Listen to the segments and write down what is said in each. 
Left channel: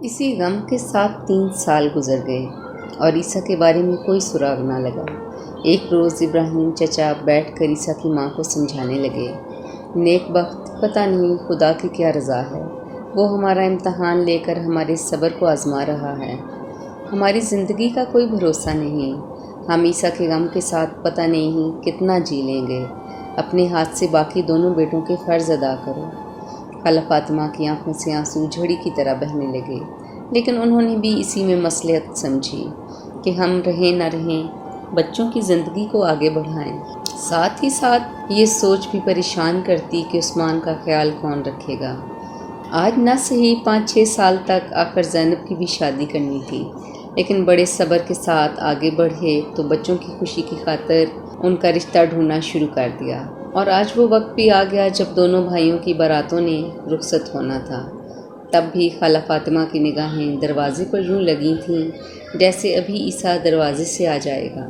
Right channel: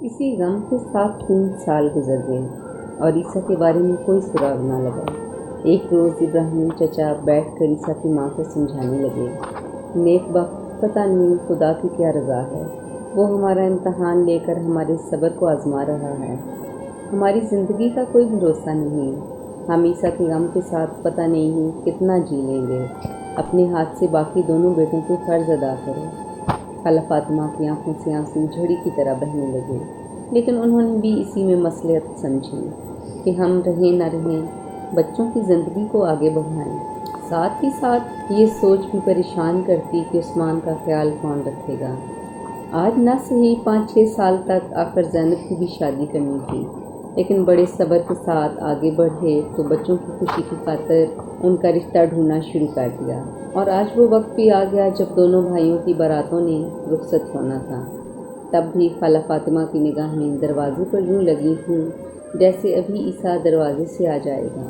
اسی غم کے ساتھ 3 سال گزر گئے اور عیسیٰ کے بارے میں کوئی سراغ نہ لگا۔ ایک روز ابراہیم چچا بیٹھ کر عیسیٰ کی ماں کو سمجھانے لگے، نیک بخت پتہ نہیں خدا کی کیا رضا ہے، وہ ہمارا امتحان لے کر ہمارے صبر کو آزما رہا ہے۔ ہماری زندگی کا کوئی بھروسہ نہیں، ہم عیسیٰ کے غم کے ساتھ پتہ نہیں کتنا جی لیں گے۔ اپنے ہاتھ سے باقی دونوں بیٹوں کے فرض ادا کرو۔ خالہ فاطمہ کی آنکھوں سے آنسو جھڑی کی طرح بہنے لگے، لیکن انہوں نے بھی اسی میں مصلحت سمجھی کہ ہم رہیں نہ رہیں، بچوں کی زندگی کو آگے بڑھائیں۔ ساتھ ہی ساتھ یہ سوچ بھی پریشان کرتی کہ عثمان کا خیال کون رکھے گا۔ آج نہ صحیح 5-6 سال تک آخر زینب کی بھی شادی کرنی تھی، لیکن بڑے صبر کے ساتھ آگے بڑھے تو بچوں کی خوشی کی خاطر ان کا رشتہ ڈھونڈنا شروع کر دیا۔ اور آج وہ وقت بھی آ گیا جب دونوں بھائیوں کی باراتوں نے رخصت ہونا تھا۔ تب بھی خالہ فاطمہ کی نگاہیں دروازے پر یوں لگی تھیں جیسے ابھی عیسیٰ دروازے سے آ جائے گا،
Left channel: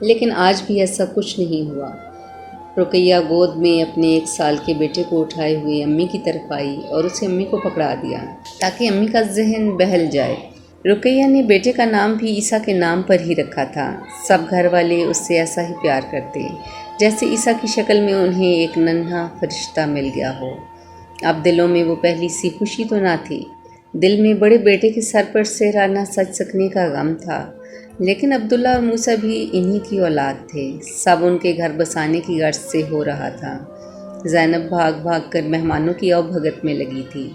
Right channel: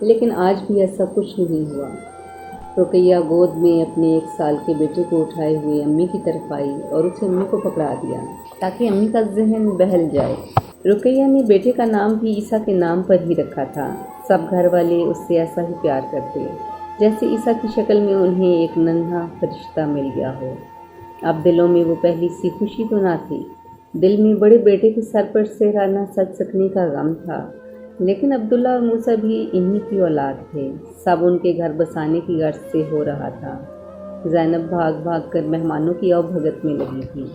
لیکن آج بھی ایسا کچھ نہیں ہوا۔ رقیہ گود میں اپنے 1 سال کے بیٹے کو اٹھائے ہوئے امی کی طرف آئی اور اسے امی کو پکڑا دیا تاکہ امی کا ذہن بہل جائے۔ رقیہ نے بیٹے کا نام بھی عیسیٰ کے نام پر ہی رکھا تھا۔ سب گھر والے اس سے ایسا ہی پیار کرتے جیسے عیسیٰ کی شکل میں انہیں ایک ننھا فرشتہ مل گیا ہو۔ اب دلوں میں وہ پہلی سی خوشی تو نہ تھی، دل میں بڑے بیٹے کے سر پر سہرا نہ سج سکنے کا غم تھا، لیکن عبداللہ اور موسیٰ بھی انہی کی اولاد تھے۔ سب ان کے گھر بسانے کی غرض سے ہو رہا تھا۔ زینب بھاگ بھاگ کر مہمانوں کی او بھگت میں لگی تھی۔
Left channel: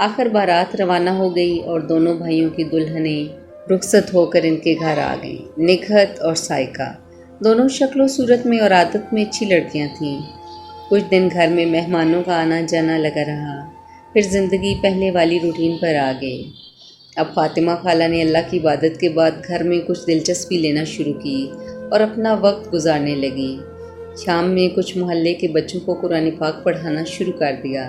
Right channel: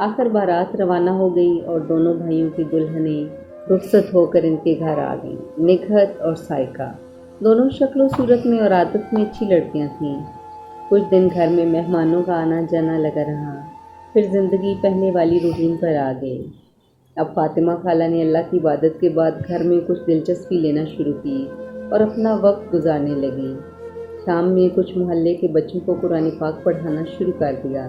آخر بارات روانہ ہو گئی اور دونوں بھائیوں کی دلہنیں رخصت ہو کر ان کے گھر آ گئیں۔ نگہت اور سائقہ دونوں شکل و صورت میں اور عادت میں اچھی لڑکیاں تھیں۔ کچھ دن گھر میں مہمانوں کا آنا جانا لگا رہا، پھر زندگی پہلے والی روٹین پر آ گئی۔ اب فاطمہ خالہ نے اللہ کی عبادت کے بعد گھر میں کچھ دلچسپی لینا شروع کی اور اپنا وقت گزارنے لگی۔ شام میں کچھ محلے کے بچوں کو قرآن پاک پڑھانا شروع کر دیا،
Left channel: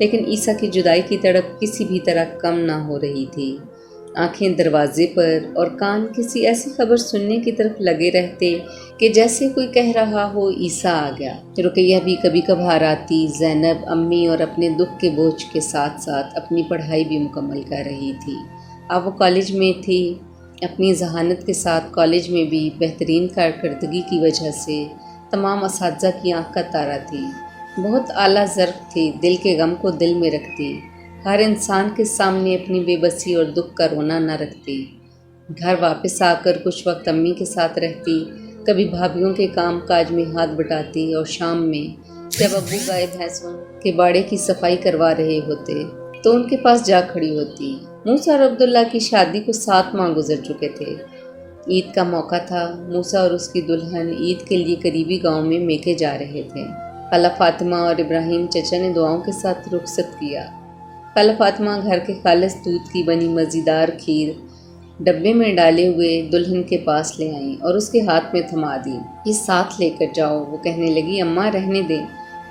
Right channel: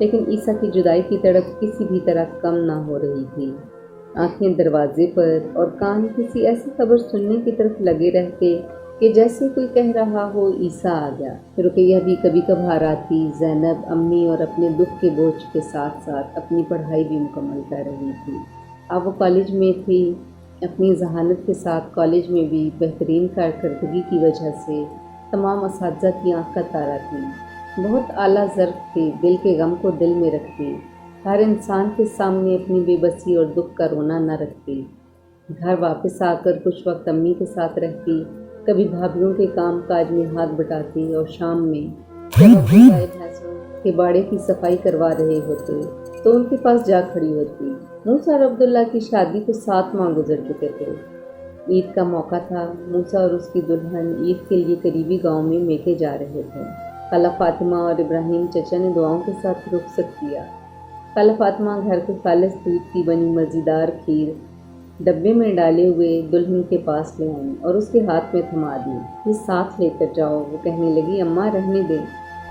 لیکن عیسیٰ کی جدائی کی تڑپ کسی بھی طرح کم نہ ہو رہی تھی۔ آنکھیں دروازے پر اور کان کسی ایسی خبر سننے کی طرف لگے رہتے کہ جیسے کوئی کہہ رہا ہو عیسیٰ آ گیا۔ رقیہ بھی کبھی کبھار آتی۔ زینب امی اور اپنے دکھ کے بوجھ کے ساتھ ساتھ اپنی پڑھائی بھی مکمل کر رہی تھی۔ اب وہ کالج میں تھی۔ اپنی ذہانت کے ساتھ کالج میں بھی بہترین کارکردگی کی وجہ سے تمام اساتذہ کی آنکھ کا تارا تھی۔ بہت اعلیٰ ظرف تھی، دل کے غم کو دل میں رکھتی، ہر انسان کے سامنے اپنی بے بسی اور دکھ کا رونا نہ رکھتی۔ گھر واپس آ کر کچھ وقت امی کے ساتھ رہتی، کبھی بھابھیوں کے کام کاج میں ہاتھ بٹاتی، اور شام میں جب ابو گائے بھینسوں کے باڑے کی صفائی کروا رہے ہوتے تو ان کے پاس جا کھڑی ہوتی۔ موسیٰ اور عبداللہ کی شادی کو 7 ماہ گزر چکے تھے۔ عید کا موقع تھا۔ موسیٰ اور اس کی دلہن عید کے لیے قریبی گاؤں میں میکے جا رہے تھے۔ خالہ فاطمہ اور ابراہیم چچا نے دعاؤں کے ساتھ رخصت کیا۔ خالہ فاطمہ گھر کے خالص دودھ کی بنی مزیدار کھیر ڈبے میں ڈالے ہوئے دلہن کے پاس لے آئیں اور اس کے ہاتھ میں تھما دی۔ یہ ساتھ لے کر جاؤ۔ وہ کہنے لگی، اماں رہنے دیں۔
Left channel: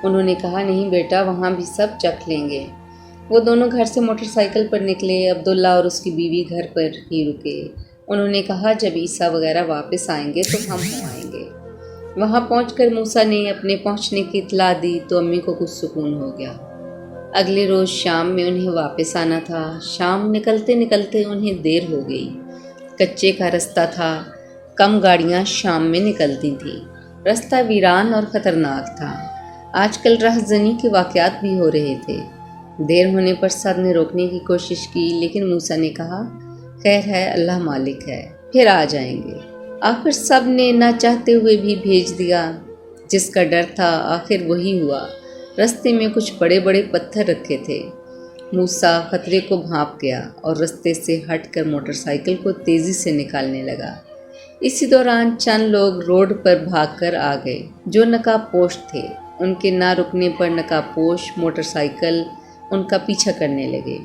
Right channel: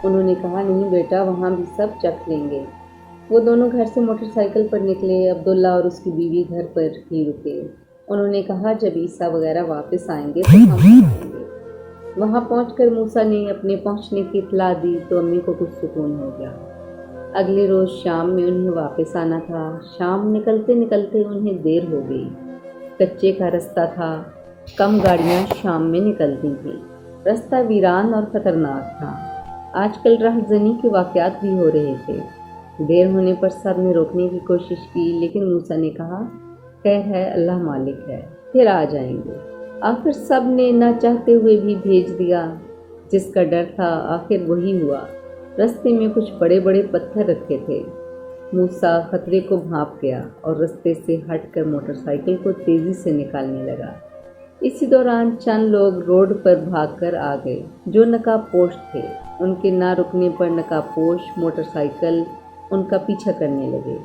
انہوں نے کہا، نہیں بیٹا، وہاں بھی سب چکھ لیں گے۔ وہ دونوں گھر سے موٹر سائیکل پر نکلے۔ عبداللہ اور اس کی بیوی گھر پر ہی رکے۔ انہوں نے کہا، جب عیسیٰ وغیرہ واپس آئیں گے تو ہم آئیں گے۔ وہاں پہنچ کر موسیٰ نے اپنے پہنچنے کی اطلاع دی تو امی کو کچھ سکون ہو گیا۔ اگلے روز شام میں انہیں واپس آنا تھا۔ شام نکلتے نکلتے انہیں دیر ہو گئی۔ کچے کا رستہ تھا، کم گاڑیاں شام میں نکلتی تھیں۔ رستہ ویران اور خطرناک تھا۔ آج کل رہزنی کے واقعات بھی ہو رہے تھے۔ دیر ہونے پر سب نے روکنے کی کوشش کی، لیکن موسیٰ نے کہا، خیر ہے، اللہ مالک ہے، پھر آ جائیں گے۔ آخر سب نے نہ چاہتے ہوئے بھی بھیج دیا۔ جس کا ڈر تھا آخر وہی ہوا۔ رستے میں کچھ بڑے بڑے پتھر رکھے تھے۔ موسیٰ خطرے کو بھانپ گیا اور رستے سے ہٹ کر موٹر سائیکل کو تیزی سے نکالنے لگا۔ اسی دوران چند لوگ روڈ پر بھاگ کر آ گئے جو نقاب پوش تھے۔ ان کے نہ رکنے پر نقاب پوش موٹر سائیکل ان کا پیچھا کرنے لگے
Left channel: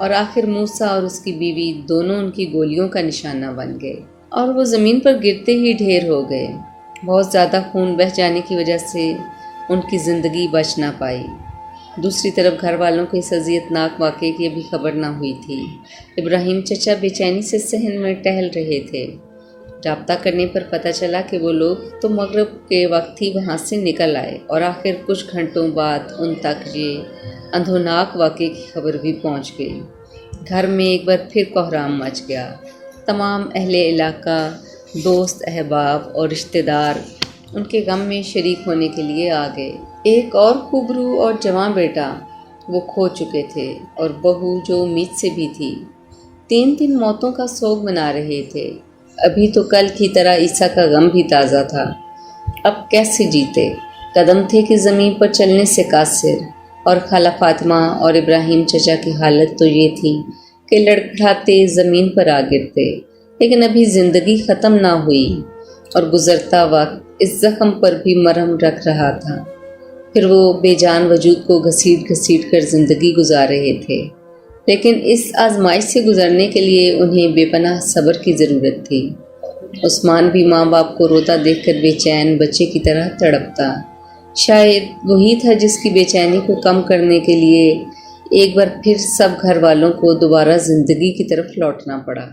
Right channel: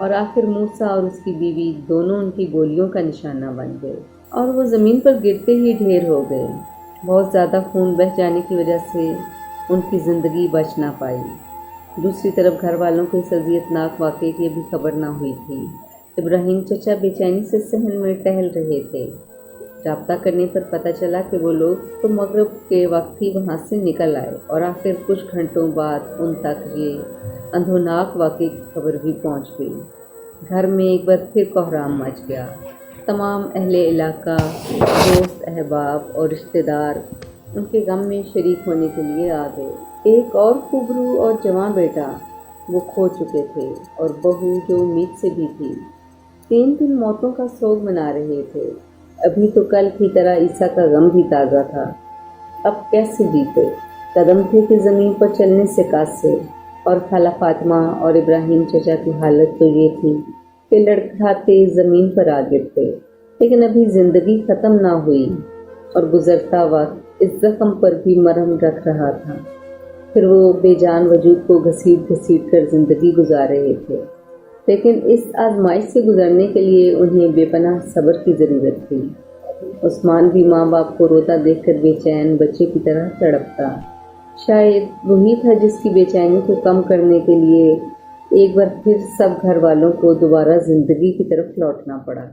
اور آخر موسیٰ اور اس کی بیوی دونوں ان کی گولیوں کا نشانہ بن گئے اور وہ زمین پر گرتے ہی ڈھیر ہو گئے۔ بہت زیادہ خون بہہ جانے کی وجہ سے ان کی زندگی بچ نہ پائی۔ دوسری طرف گھر والوں کو اس اذیتناک واقعے کی ابھی خبر نہ ہوئی تھی۔ ابراہیم چچا بے چینی سے صحن میں ٹہل رہے تھے۔ رابطہ کرنے پر پتہ چلا کہ وہ لوگ تو مغرب کے وقت ہی وہاں سے نکل آئے اور آخر کچھ گھنٹوں بعد ان تک یہ اندھوناک واقعے کی خبر بھی پہنچ گئی۔ گھر میں ایک بار پھر کوہرام مچ گیا۔ تمام اہل علاقہ، دوست احباب اور رشتہ دار ان کے غم میں شریک ہونے کے لیے آ گئے۔ ایک اور خوبرو اور جواں بیٹا وہ کھو چکے تھے، اور بہو جو امید سے بھی تھی۔ 3 موتوں کا سوگ منا رہے تھے۔ ابھی تو کل کی طرح عیسیٰ کا غم بھی تازہ تھا۔ اب کیسے جیتے؟ قدم تھے کہ زمین پر چلنے سے قاصر، اور خالہ فاطمہ اور ابراہیم چچا کی حالت تو یہ تھی کہ لڑکھڑاتے زمین پر آ گرتے۔ لیکن ابھی زندگی ختم نہ ہوئی، اور گزرتا وقت اس زخم پر بھی مرہم رکھ رہا تھا۔ پھر وہ بے جان وجود کو گھسیٹ گھسیٹ کر زندگی گزار رہے تھے، لیکن اس آزمائش سے گزرنے کے لیے انہیں بے پناہ صبر کی ضرورت تھی۔ عثمان بھی ماں باپ کو روتا دیکھ کر بے چین بچے کی طرح تڑپتا۔ شاید وہی تھا جس کی بے چینی کو کم کرنے کے لیے ایک بار پھر سب گھر والوں کو دوبارہ زندگی کی طرف لوٹنا پڑا۔